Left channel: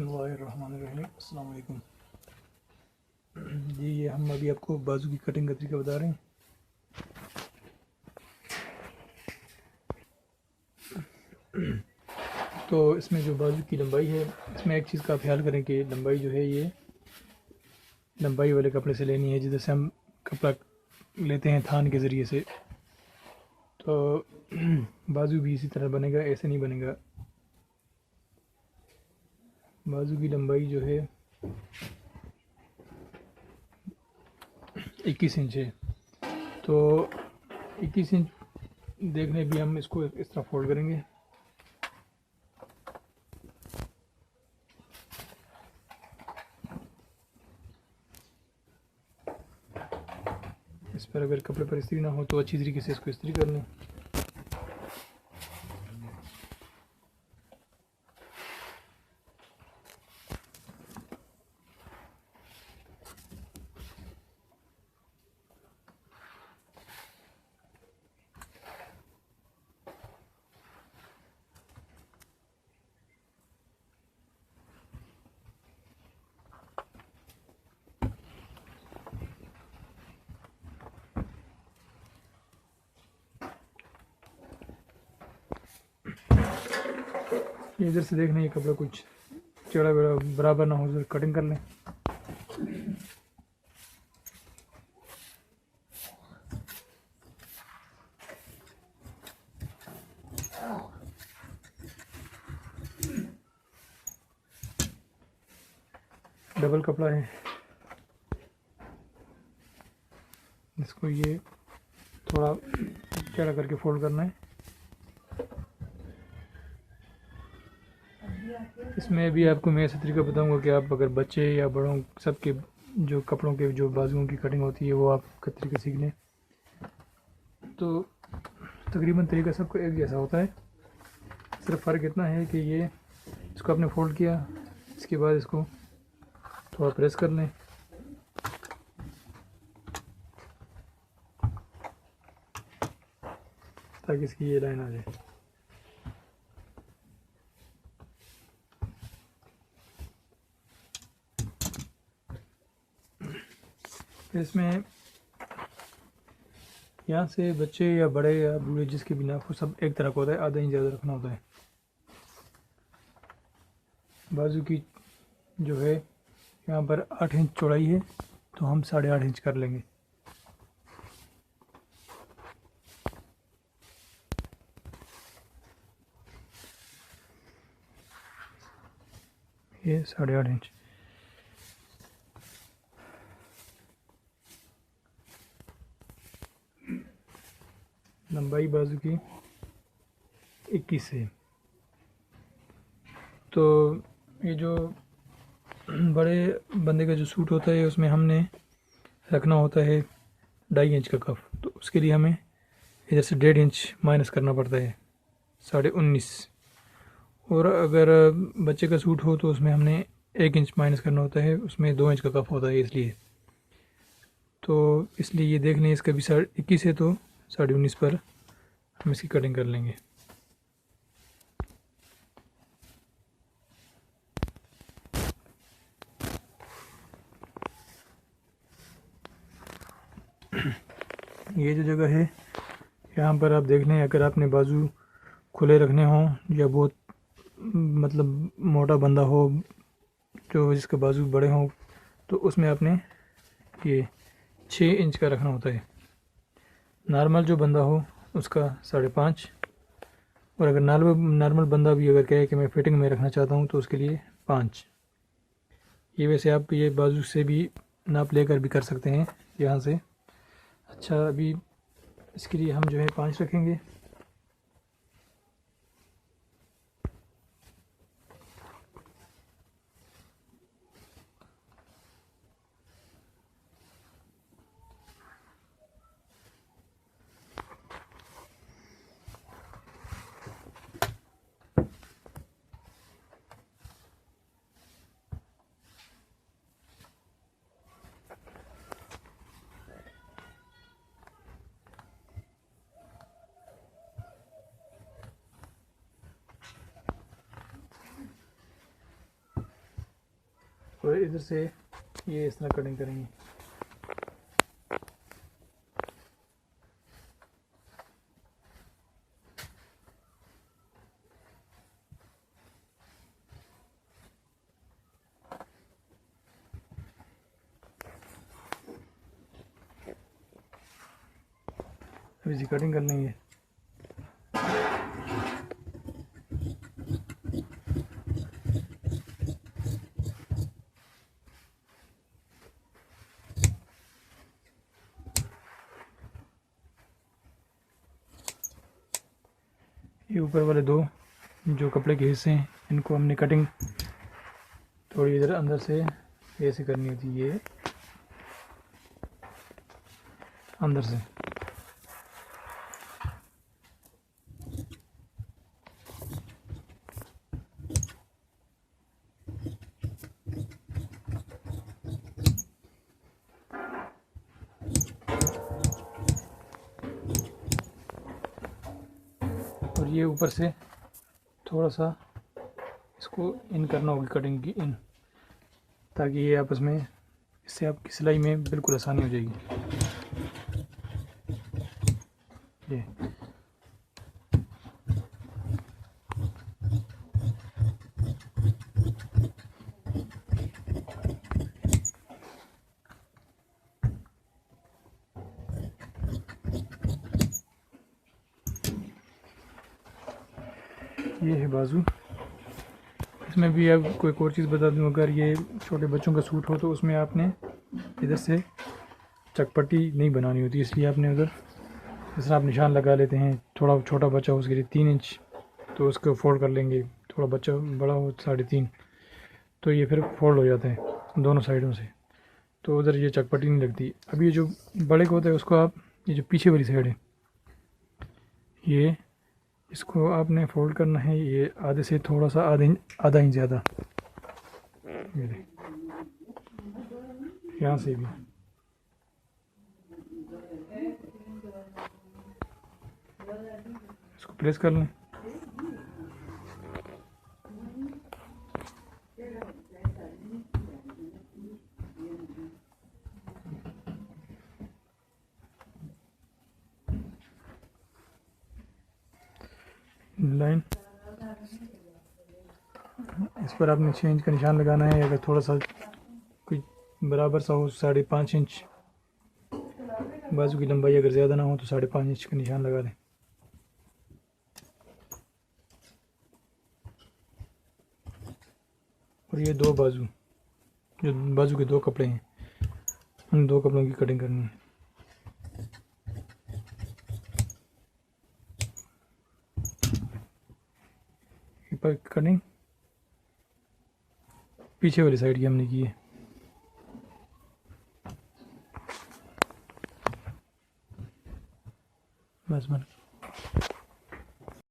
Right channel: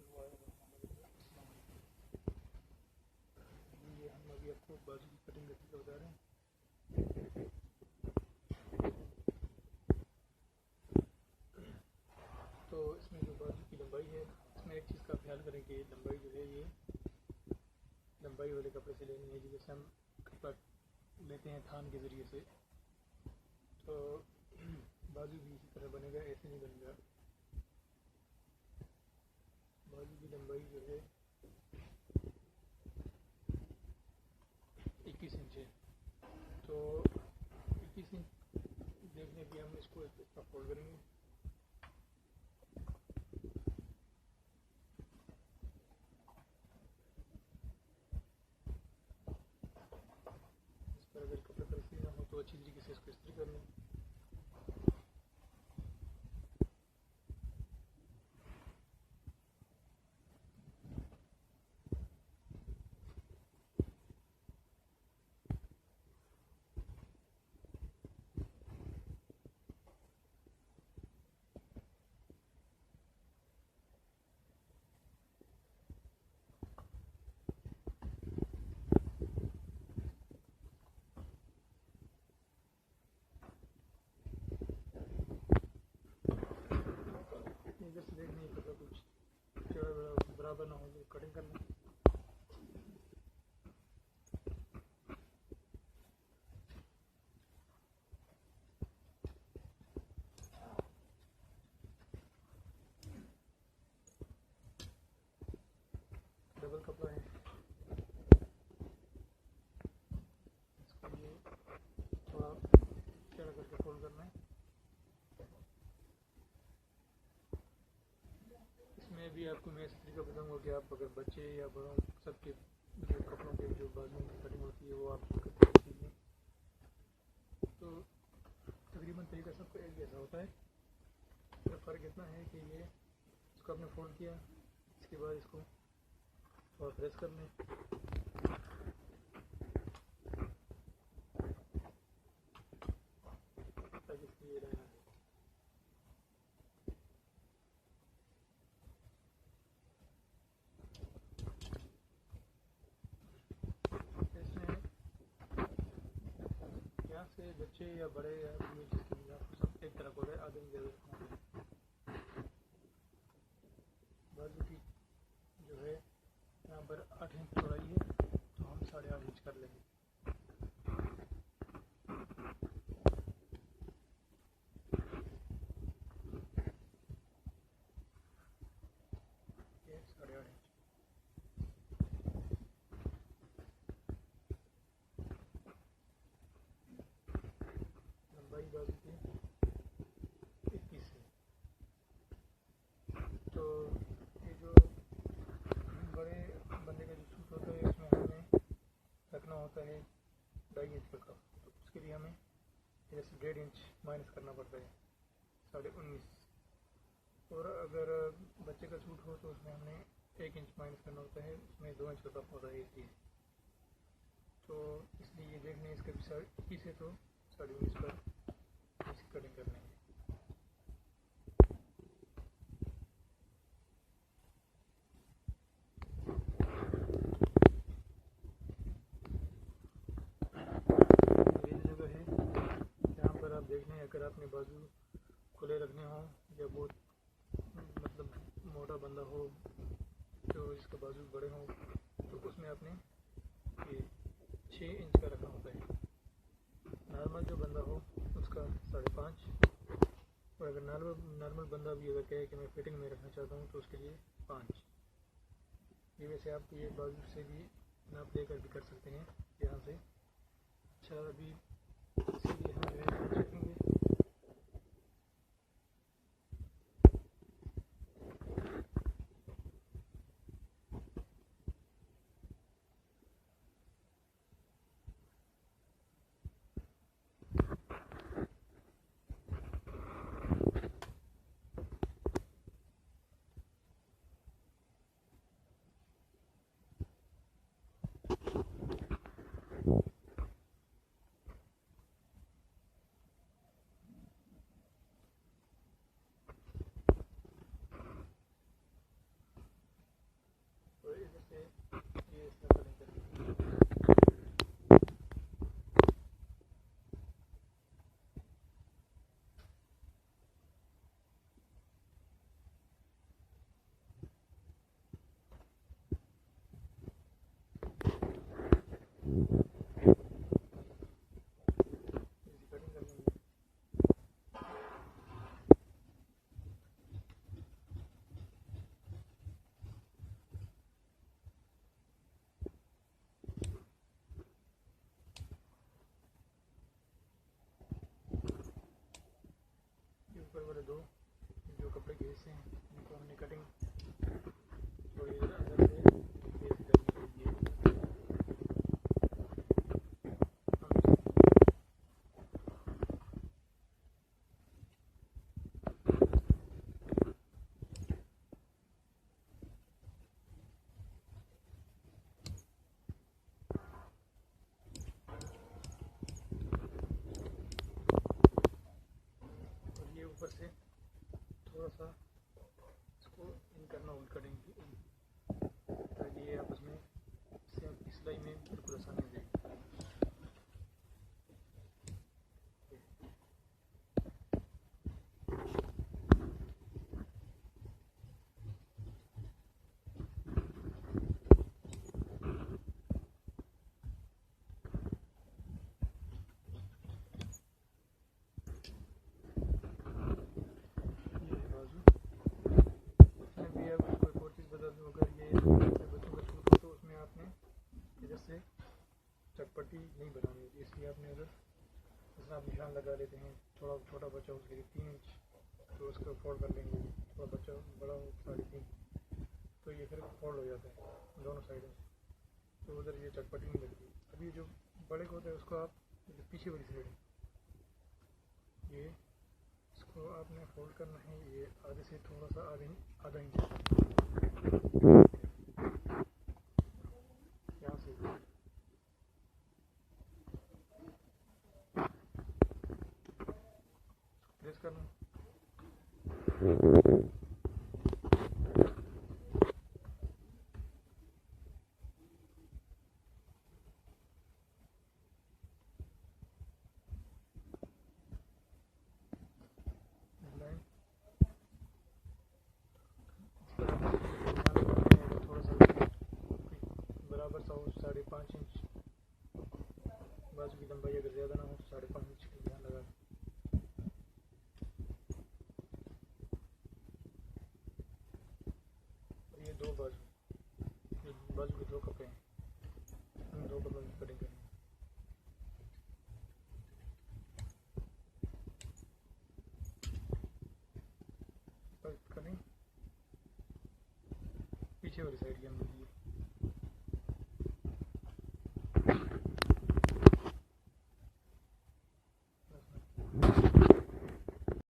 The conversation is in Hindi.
बिस्मिल्लाहिर्रहमानिर्रहीम। अस्सलाम वालेकुम जी। ये हम अभी आपको बाजू की कटिंग का तरीका बता रहे हैं। तो इसमें जो बाजू की लंबाई है, इसमें एक चीज़ का ख्याल करें कि लंबाई जो है ये लंबाई वाले कपड़े से लेनी है। जैसे हम कपड़ा लेते हैं थान के ज़रिए से, तो बाजू भी इसी तरह बनेगा, ऐसे नहीं बनेगा। बाजू की लंबाई जो है 21 इंच है। तो 21 इंच देखने भी हम इसको इस तरह फोल्ड करेंगे। इस पर अगर कपड़े पर इस्त्री ना हो तो अच्छी तरीके से इसको इस्त्री कर लें। इधर से देखना, ये कपड़ा कुछ चौड़ा बड़ा बराबर ना हो, उधर कटिंग कर लें। डबल कपड़ा है, इसको ये थोड़ा चढ़ा करके फोल्ड करना है। इसमें भी आपको मैं ऐसा तरीका बताऊंगा कि आप अगर बच्चे या बड़ों सबके जो कपड़ों के जो बाजुओं की कटिंग होती है वो आप तरीके सीख लें, तो तकरीबन तरीका सबको एक जैसा होता है। सिर्फ फ़र्क इतना है कि ये इसको आपने फोल्ड किया, इसके बाद इसको थोड़ा प्रेस कर लें ताकि इसकी ये लाइन आ जाए। इसमें यहाँ से बच्चे या बड़े या बूढ़े जिसके भी नाप हो, सब एक तरह का होता है, आधा इंच ज़्यादा रखना होता है। बाजू की जो है यहाँ पर 8 इंच चौड़ाई है, तो हम 8.5 इंच कर लेंगे। ये 8.5 इंच। लंबाई बाजू की 21 है। तो ये जो बड़े बंदे का जो सूट होता है उसमें हमने रखना होता है 2.5 इंच का कफ, तो उसके लिए हमें इधर से 1.5 इंच माइनस करना पड़ता है, 19.5। और अगर बच्चे का सूट हो तो उसमें हमने 1 इंच माइनस करना होता है, उसमें 2 इंच का कफ होता है इसलिए। तो इसलिए ये देख लें, इसका भी 21 है तो 19.5 पर हम इसकी कटिंग कर लेंगे। ये जो जगह है यहाँ पर आप देख लें, अगर आपने बाजू खुले रखने हों या बहुत मतलब मोटा बंदा हो जो जिसके बाजू बड़े हों, तो उसमें आपने ये 6 इंच का रखना होता है। नॉर्मल जो बंदा हो उसका 5.5, और अगर नॉर्मल बंदा भी अगर कहे कि मैं फिटिंग में रखना चाहता हूँ तो उसके लिए 5। ये वैसे आप ये बाजू से भी नाप लेकर भी कर सकते हैं यहाँ से। अच्छा, अभी इसके लिए हम जो है 5 रखेंगे। ऊपर इधर से ये इस तरह कटिंग करेंगे। अभी जी कटिंग कर लेंगे। ये ऊपर वाले दो जो कपड़े के हिस्से हैं इनको हमने कटिंग थोड़ी इधर अंदर से ऐसे करनी होती है, ये अंदर से। और ये ऊपर से थोड़ा सा इसको इन करना होगी, कटिंग की इन, ताकि ये आपस में, इससे आपकी सिलाई में बिल्कुल आसानी हो जाएगी। ये है बाजू। इसमें भी अब कोई और चीज़ बता दूं, अगर ये छोटे बच्चों का सूट हो तो उसमें आपने इधर से चकपट्टी नहीं बनानी होती, इसलिए आपने उधर इस तरह आप निशान लगा लेते हैं। थोड़ा छोटा बच्चा हो उसके लिए 3 इंच, तो उसको फोल्ड कर लेंगे। थोड़ा बच्चा बड़ा हो 3.5, तो ये फिर फोल्ड हो जाता है दोनों साइडों से, तो उधर ये चकपट्टी नहीं लगती। अब ये जो बड़े को होता है उसको आप, ये जो पीछे वाली साइड है, ये इसको आपने फोल्ड करना है, ये आधे से थोड़ा सा आधा इंच ज़्यादा, यहाँ से भी। इसको प्रेस कर लें। लाइन इस पर आपने 6 इंच का निशान लगाना है। अगर थोड़ा सा कोई बराबर सा हो, 5.5 इंच बाजू की लंबाई, अगर ज़्यादा ना हो तो 5.5 इंच का निशान लगा दें। और ये दो बाजू, जो बाजू के 2 कपड़े हैं, उन 2 कपड़ों की कटिंग करनी है। पर कटिंग पीछे वाली साइड की हमने की है। बस बन